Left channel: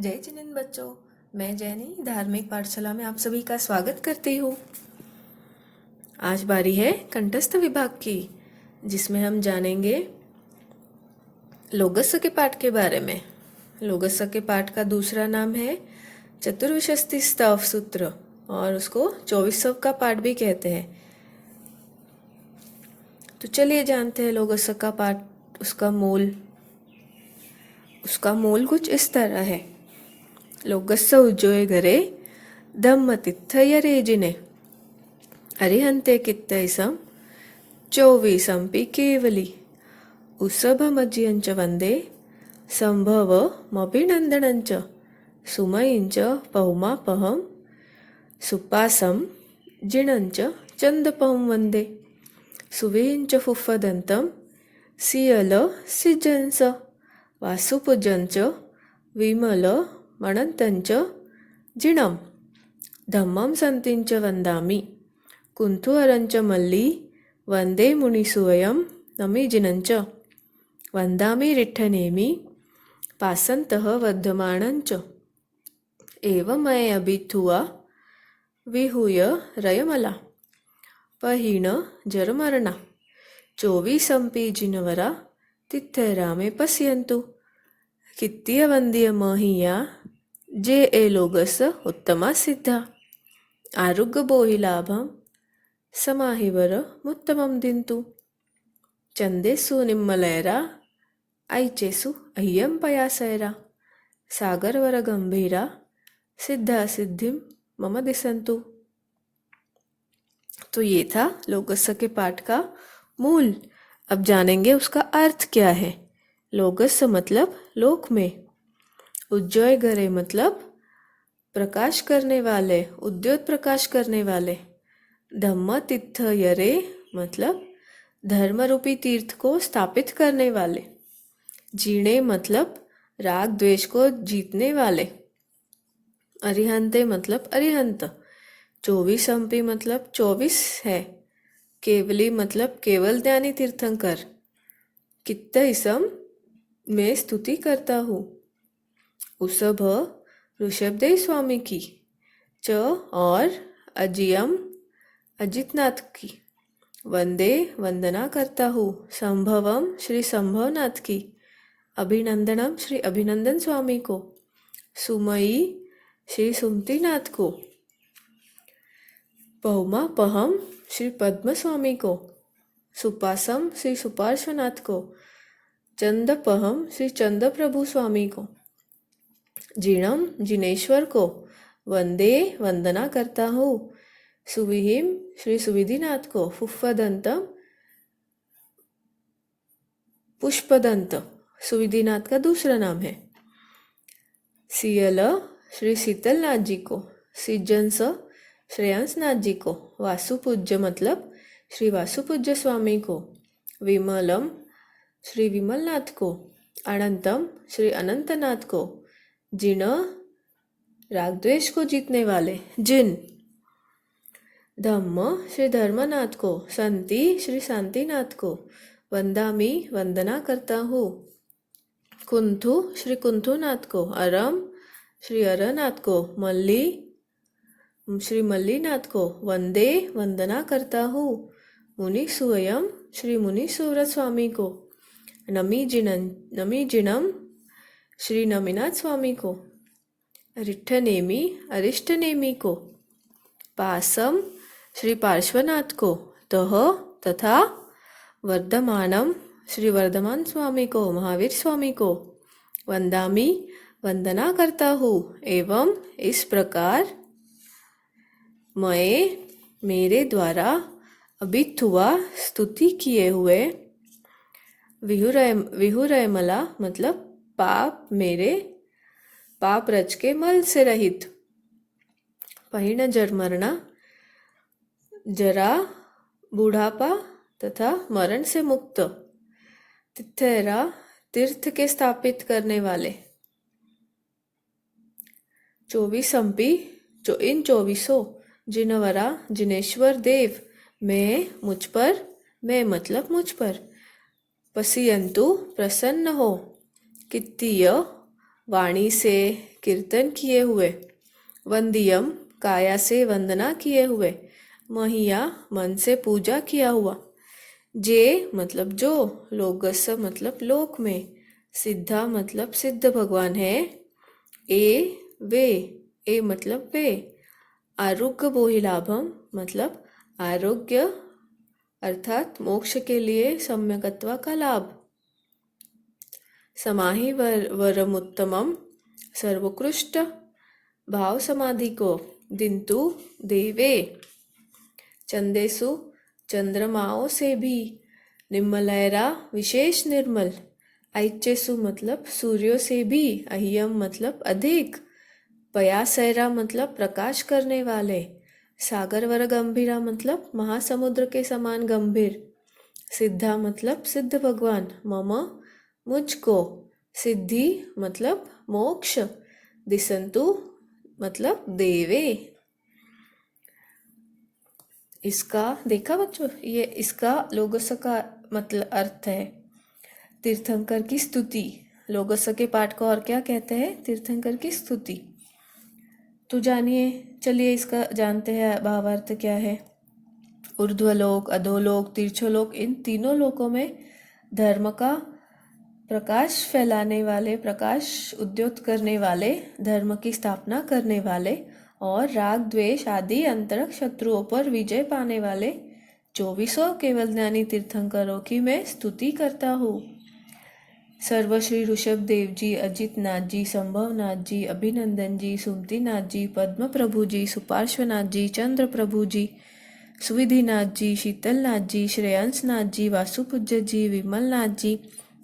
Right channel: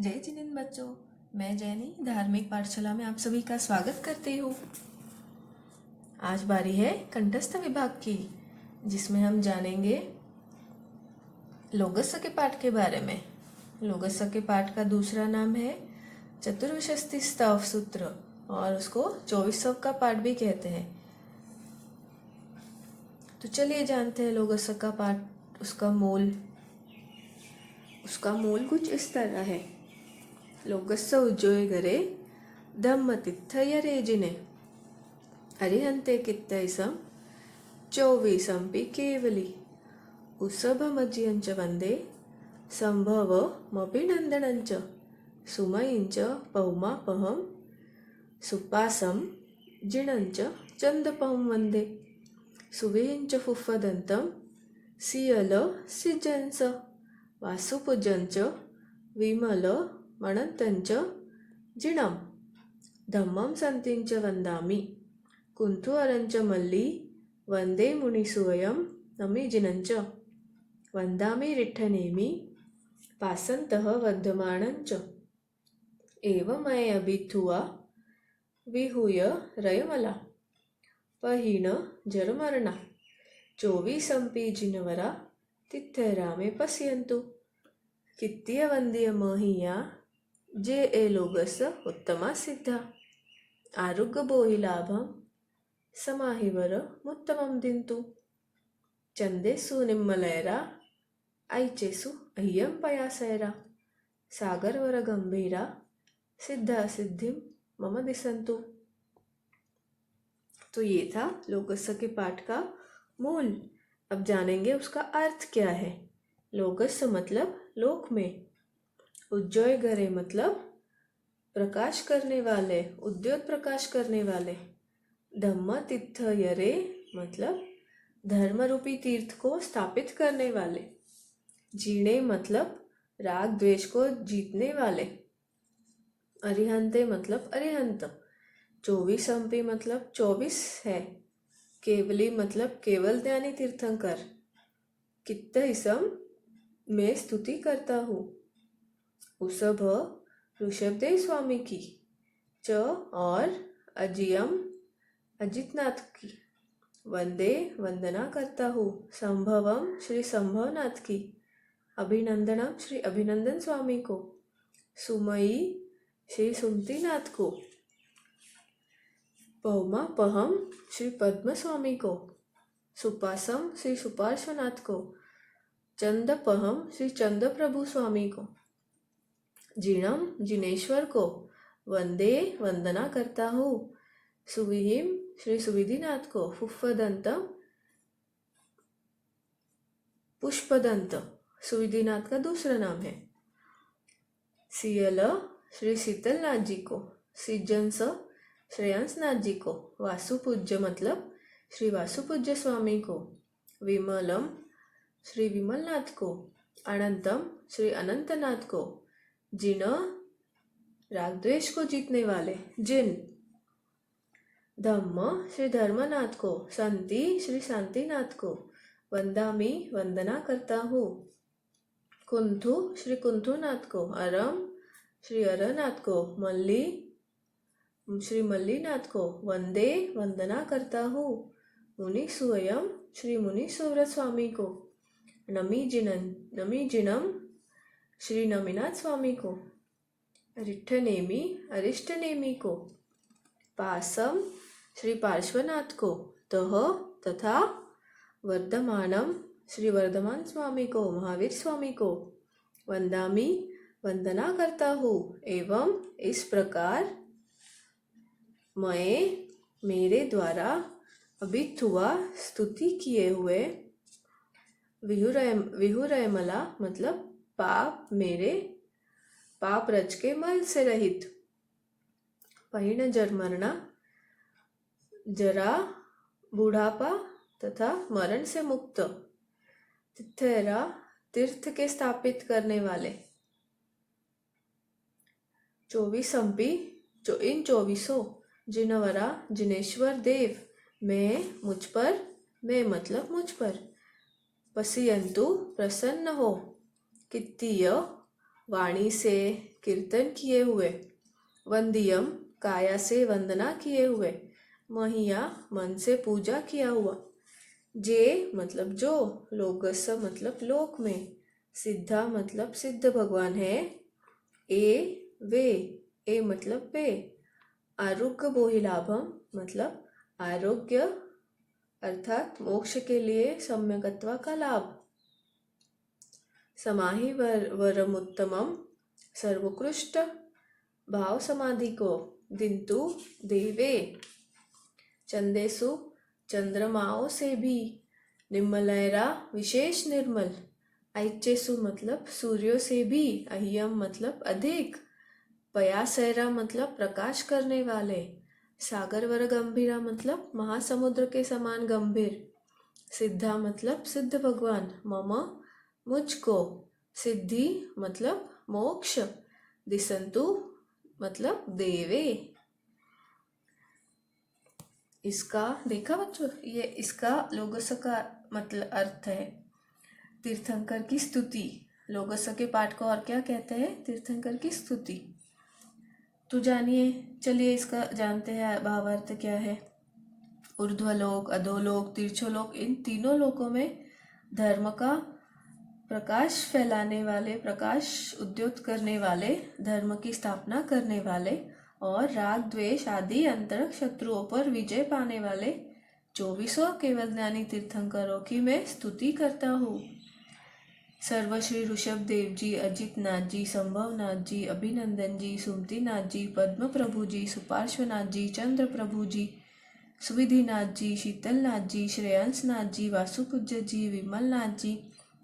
जय जिनेंद्र बच्चों, मैं जैनी धार्मिक पाठशाला में आप सभी का स्वागत करती हूँ। आज बारी है कंठस्थ विभाग की, जिसमें हम जानेंगे लोगस्य के पाठ के बारे में। लोगस्य के पाठ का दूसरा नाम है चतुर्विंशति स्तव सूत्र और उसको 24 का पाठ भी कहते हैं। तो चलिए जानते हैं लोगस्य का पाठ। उसका मूल कुछ इस तरह है। लोगस्य उज्जोय घरे धम्म तिथ्थय जिने अरिहंते कित्तैसं चौवीसंपि केवली उसभमज्यञ्च वन्दे संभवमभिनन्दनञ्च सुमयिञ्च पौमापहं सुपासं जिणञ्च चन्दपं वन्दे सुवेञ्च फुफ्फदन्तं सियल सिजंस वासुपूजञ्च विमल मणन्तञ्च जिणं धम्मं सन्तिञ्च वन्दामि कुन्थुअरञ्च मल्ली वन्दे मुनिसुवयं नमिजिनञ्च वन्दामि रिट्ठनेमि पासन्तः वर्धमानञ्च एवमयभिथुवा विहूय रयमला पहीण जरमरणा चौवीसंपि जिनवरा तिथ्यरामे पश्यन्तु कित्तीय वन्द्य महिया जे ए लोगस उत्तमा सिद्धा आरुग्य बोहि लाभं समाहिवर मुत्तमं दिन्तु चंदेसु निम्मलैरा ऐचेसु अह्यं पयासैरा सागरवर गंभीरा सिद्धा सिद्धिं मम दिसन्तु। तो ये था लोगस्य के पाठ का मूल। अब जानेंगे उसका अर्थ क्या है। लोगस्य मतलब लोक में, उज्जोय घरे मतलब प्रकाश करने वाले, उद्योत प्रकाश करने वाले, धम्म तीर्थ यरे मतलब धर्म रूपी तीर्थ को स्थापित करने वाले, जीणे मतलब राग द्वेष को जीतने वाले, अरिहंते मतलब अरिहंत, 24 मतलब 24 है, केवली मतलब केवल ज्ञानी तीर्थंकर, कित्तैसम मैं स्तुति करता हूँ, उसभ ऋषभदेव स्वामी की, च और अजियम अजितनाथ की, वंदे वंदना करता हूँ, संभवम श्री संभवनाथ की, अभिनंदनम श्री अभिनंदन स्वामी को, सुमयी श्री सुमतीनाथ को, पहुमा पहम श्री पद्म स्वामी को, सुपासम श्री सुपार्श्वनाथ को, चंदपहम श्री चंद प्रभु स्वामी को, जिणम जिनेश्वर को, वंदे वंदना करता हूँ, सुविहिम श्री सुविधिनाथ को, फुफ्फदंतम पुष्पदंत सुविधिनाथ का दूसरा नाम है, सियल श्री शीतलनाथ जी को, सिजंस श्रेयांसनाथ जी को, वासुपूज्य मतलब श्री वासुपूज्य स्वामी को, विमलम श्री विमलनाथ को, अनंतम श्री अनंतनाथ को, जिन राग द्वेष को जीतने वाले जिन, धम्म श्री धर्मनाथ को, संति श्री शांतिनाथ को, वंदामी वंदना करता हूँ, कुंथु श्री कुंथुनाथ को, अरम श्री अरनाथ को, मल्ली श्री मल्लीनाथ को, वंदे वंदना करता हूँ, मुनि सुवयम श्री मुनि सुव्रत स्वामी को, नमी जिनम श्री नमीनाथ स्वामी को, रिट्ठनेमि अरिष्टनेमि को, पासम श्री पार्श्वनाथ को, तह तथा वर्धमानम श्री वर्धमान स्वामी को, महावीर स्वामी को, वंदामी वंदना करता हूँ, एवं इस प्रकार मैं मेरे द्वारा अभिथुआ स्तुति किए हुए, विहुरयमला मतलब पाप मेरे पाप रच के मल से रहित, पहिण जरमरणा जरा बूढ़ापा तथा मरण से मुक्त, तिथ्यरा तीर्थ के स्थापित करने वाले, 24 इन 24 जिनवरा जिनेश्वर देव मैं मतलब मुझ पर, पसियंतु प्रसन्न हो, कित्तीय वाणी से कीर्तन किए हुए। वंदियम काया से वंदना किए हुए। महिया मन से पूजा किया हुआ। जे मतलब जो, लोगस मतलब लोक में, सिद्धा मतलब सिद्ध भगवान है। ए वे, ए मतलब वे। आरोग्य बोहिलाभम मतलब आरोग्य अर्थात मोक्ष के लिए सम्यकत्वा का लाभ। समाहि वरमुत्तमम सर्वोत्कृष्ट भाव समाधि को। दिंतु देवे। चंदेसु चंद्रमाओं से भी। निर्मलैरा विशेष निर्मल। ऐचेसु मतलब सूर्यों से भी। अह्यम मतलब अधिक। पयासैरा मतलब प्रकाश करने वाले। सागर वर गंभीरा मतलब महासमुद्र के समान गंभीर। सिद्धा मतलब सिद्ध भगवान। मम मुझको। सिद्धि मतलब मोक्ष। दिसंतु मतलब देवे। इसका देखा बच्चों, ये इसका लोगस का मतलब अर्थ है तीर्थंकर की स्तुति। लोगस के पाठ को और क्या कहते हैं? तीर्थंकर की स्तुति। तो जानिए, चलिए इसका जानते हैं भावार्थ क्या है। ऊर्ध्वलोक, अधोलोक, तीर्थलोक, इन तीनों लोकों में धर्म का प्रकाश फैलाने वाले, प्रकाश उद्योत करने वाले, धर्म की स्थापना करने वाले और राग द्वेष आदि अंतरंग शत्रुओं पर विजय पाने वाले 24 केवल ज्ञानी तीर्थंकरों की मैं स्तुति करता हूँ। सर्वश्री ऋषभ देव जी, अजित नाथ जी, संभव नाथ जी, अभिनंदन जी, सुमति नाथ जी, पद्म प्रभु जी, सुपार्श्वनाथ जी, चंद्र प्रभु जी, सुविधिनाथ जी, शीतल नाथ जी, श्रेयांश नाथ जी, वासुपूज्य जी, विमल नाथ जी,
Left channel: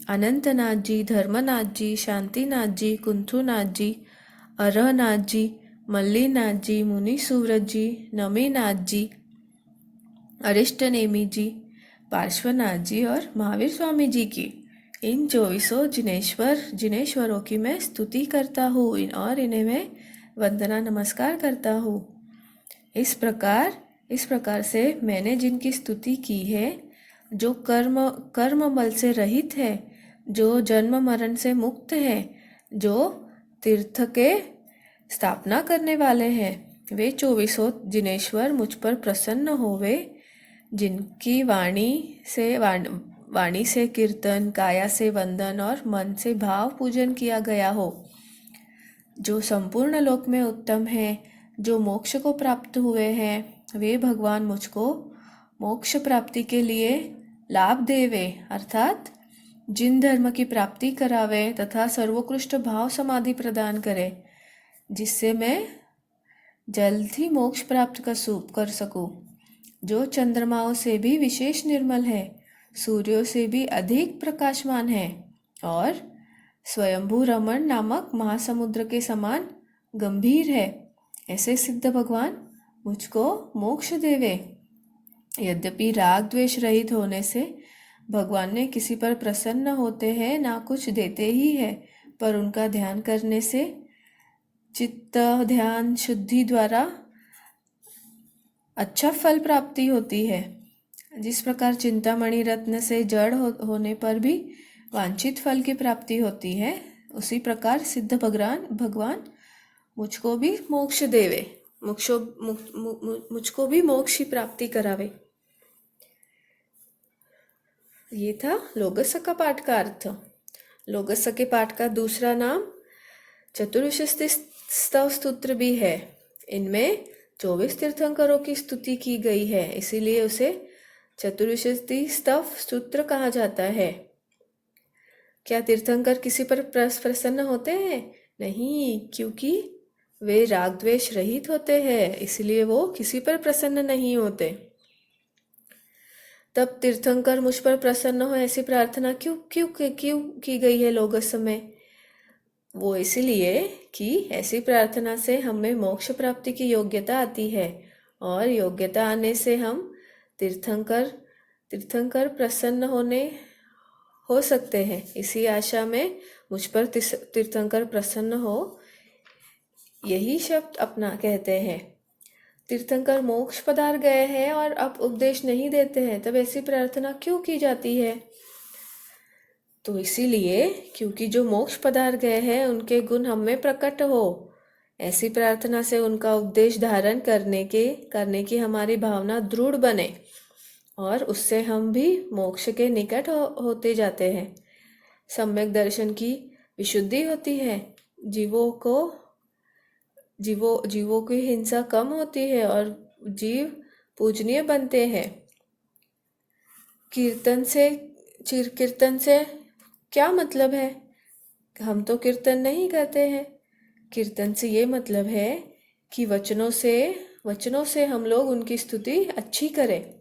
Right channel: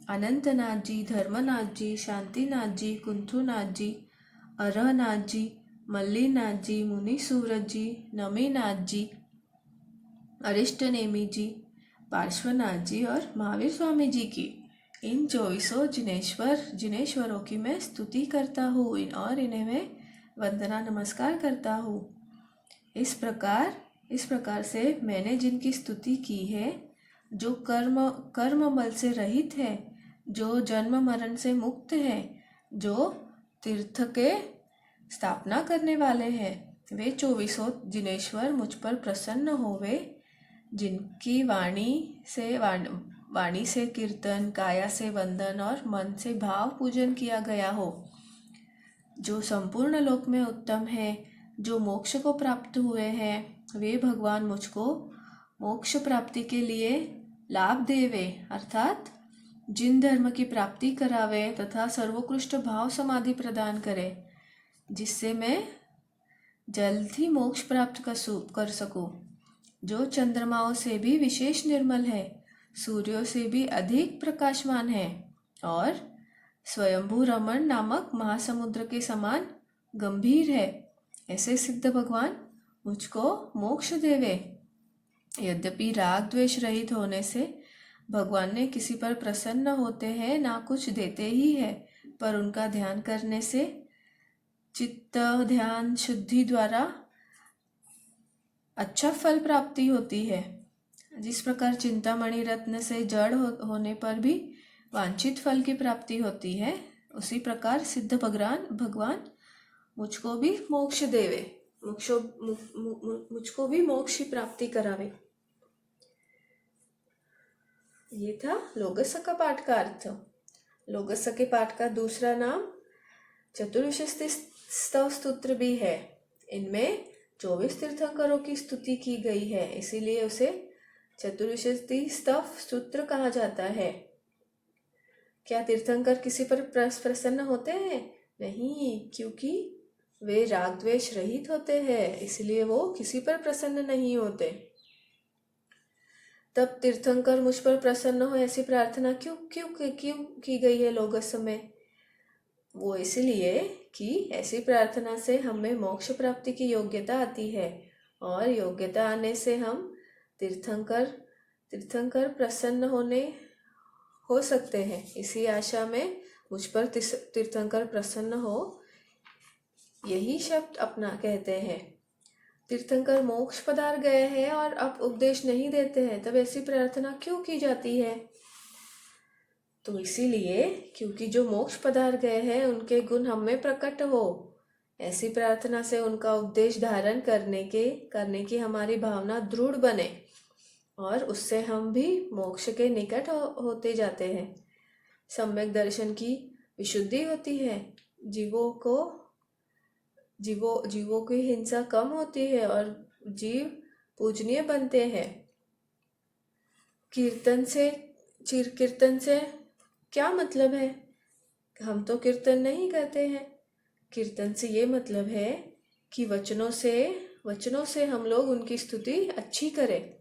अनंतनाथ जी, धर्मनाथ जी, शांतिनाथ जी, कुंथुनाथ जी, अरहनाथ जी, मल्लीनाथ जी, मुनि सुव्रत जी, नमीनाथ जी, अरिष्टनेमी जी, पार्श्वनाथ जी और महावीर स्वामी जी की, इन 24 जिनेश्वरों की मैं स्तुति करता हूँ और इन्हें मैं वंदना नमस्कार करता हूँ। इस प्रकार से मैंने जिनकी स्तुति की है, जो कर्म बल से रहित है, जो जन्म मरण से मुक्त है, जो तीर्थ के स्थापना करने वाले हैं, वे 24 जिनेश्वर मुझ पर प्रसन्न होवे। जिनकी वाणी से कीर्तन, काया से वंदन और मन से भाव पूजन किया गया हो, जो संपूर्ण लोक में उत्तम है, जो मोक्ष को प्राप्त हुए हैं, वे भगवान मुझको मोक्ष प्राप्ति के लिए लाभ देवे, अर्थात जिन धर्म की प्राप्ति करावे तथा सर्वोत्कृष्ट भाव समाधि प्रदान करे, जिससे मैं जल्द ही मोक्ष प्राप्त कर सकूं। जो चंद्रमाओं से भी विशेष निर्मल है, सूर्यों से भी अधिक प्रकाशमान है और स्वयंभू रमण नामक महासमुद्र के समान गंभीर है, ऐसे सिद्ध भगवान मुझको मोक्ष देवे। यद्यपि राग द्वेष रहित होने से भगवान ने किसी पर प्रसन्न होते हैं, ना कुछ देते ही है, पर उनका ध्यान करने से चित्त ध्यान शुद्धि द्वारा अच्छा फल प्राप्ति होती है। जिस प्रकार चिंतामणि रत्न से जड़ होने पर भी वांछित फल की प्राप्ति होती है, उसी प्रकार सिद्ध भगवान मुझको भी मोक्ष देवे, मुझको भी मोक्ष की प्राप्ति करावे। ये था लोगस का पाठ का अर्थ। लोगस के पाठ का दूसरा नाम चतुर्विंशति स्तव स्तोत्र भी है। इनमें 24 तीर्थंकरों की स्तुति की गई है, इसीलिए उसे चतुर्विंशति स्तव स्तोत्र कहा जाता है। क्या तीर्थंकर किसी पर प्रसन्न होते हैं? नहीं, क्योंकि वे राग द्वेष रहित होते हैं, इसलिए वो किसी पर प्रसन्न नहीं होते। तब तीर्थंकर मुझ पर प्रसन्न हो, ऐसी प्रार्थना क्यों की गई है लोगस में? वो इसलिए कि ऐसी प्रार्थना से हमें मोक्ष प्राप्ति की योग्यता आती है और योग्यता आने से हम तीर्थंकर प्रसन्न हो सकते हैं। इसी आशा में मुझ पर तीर्थंकर प्रसन्न हो, यही शब्द अपना कहते हैं। तीर्थंकर मोक्ष पधार गए हैं और अब उपदेश नहीं देते हैं, तब ऐसी प्रार्थना क्यों की जाती है? तो इसीलिए क्योंकि जो मोक्ष पधार गए हैं उनके गुण हम में प्रकट हो, ऐसी प्रार्थना से उनका उपदेश धारण करने की हमारी भावना दृढ़ बने और उससे हम भी मोक्ष के निकट होते जाते हैं। सम्यक दर्शन की विशुद्धि होती है, जीवों की हिंसा कम होती है और जीव पूजनीय बनते हैं। कीर्तन से क्या मतलब है? हम तो कीर्तन नहीं करते हैं। कीर्तन से ये मतलब है कि वचनों से हम लोग उनकी स्तुति अच्छी करें।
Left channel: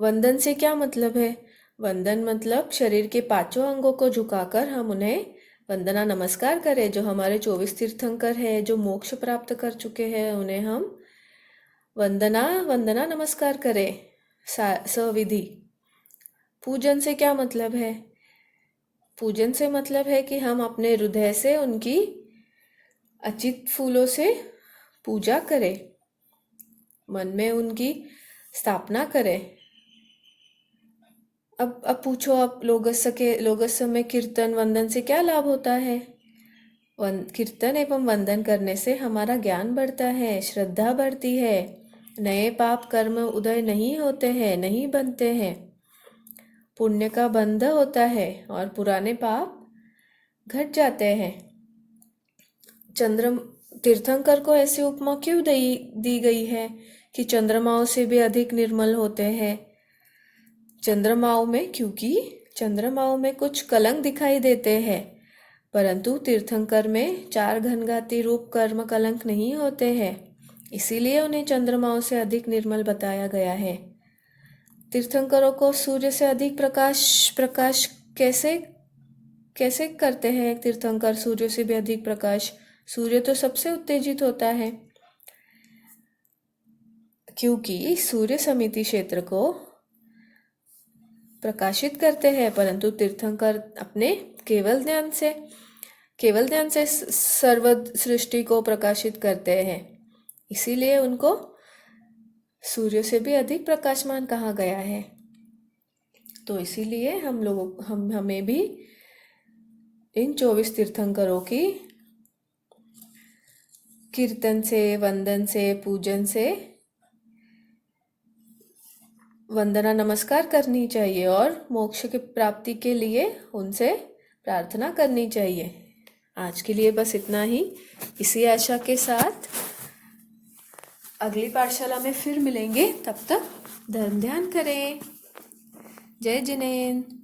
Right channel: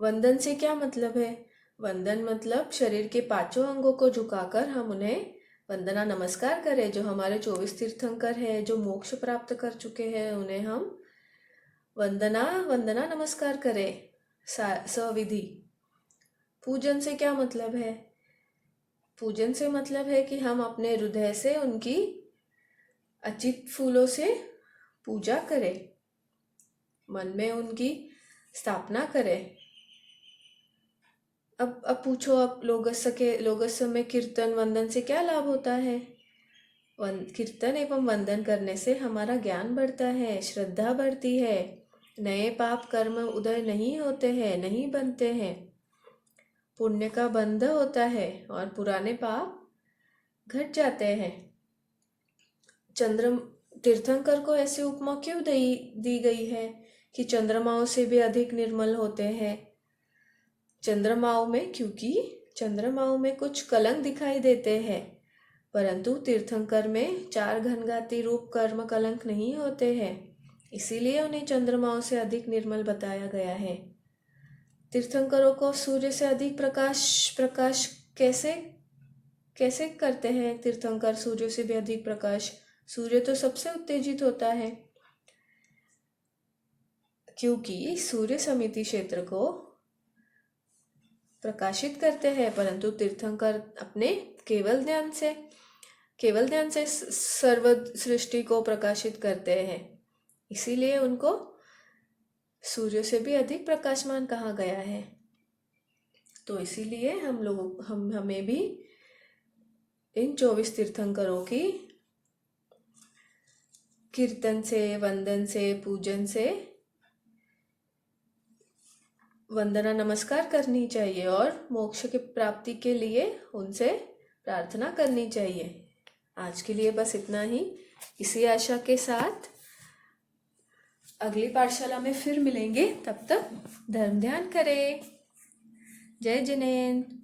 वंदन से क्या मतलब है? वंदन मतलब शरीर के पांचों अंगों को झुकाकर हम उन्हें वंदना नमस्कार करें। जो हमारे 24 तीर्थंकर हैं, जो मोक्ष प्राप्त कर चुके हैं, उन्हें हम वंदना नमस्कार करें सविधि। पूजन से क्या मतलब है? पूजन से मतलब है कि हम अपने हृदय से उनकी अचित फूलों से पूजा करें, मन में उनकी स्थापना करें। अब पूछो, आप लोगस्य में कीर्तन वंदन से क्या लाभ होता है? कीर्तन एवं वंदन करने से हमारा ज्ञान बढ़ता है, श्रद्धा बढ़ती है, नए पाप कर्म उदय नहीं होते हैं, नहीं बनते हैं, पुण्य का बंध होता है और पुराने पाप घट जाते हैं। तीर्थंकर को ऐसी उपमा क्यों दी गई है कि चंद्रमाओं से भी अधिक निर्मल होते हैं? क्योंकि चंद्रमाओं में कुछ कलंक दिखाई देते हैं, परंतु तीर्थंकर में 4 घनघाती रूप कर्म कलंक नहीं होते हैं, इसीलिए उन्हें चंद्रमाओं से अधिक निर्मल बताया गया है। तीर्थंकरों को सूर्य से अधिक प्रकाश कैसे करते हैं तीर्थंकर? सूर्य से भी अधिक प्रकाश, सूर्य तो सबसे उत्तेजित होता है, क्योंकि सूर्य समिति क्षेत्र को प्रकाशित करते हैं, परंतु तीर्थंकर अपने केवल ध्यान से सर्व सृष्टि को प्रकाशित करते हैं, इसीलिए उनको सूर्य से भी अधिक प्रकाशमान कहा गया है। तो इसीलिए हमें भी इन 24 तीर्थंकरों की कीर्तन से, वंदन से, पूजन से वंदना नमस्कार करनी चाहिए और मोक्ष की प्राप्ति के लिए उनसे प्रार्थना करनी चाहिए। आज के लिए बस इतना ही। इसी आशा के साथ अगली पाठशाला में फिर मिलेंगे। तब तक धर्म ध्यान करें। जय जिनेन्द्र।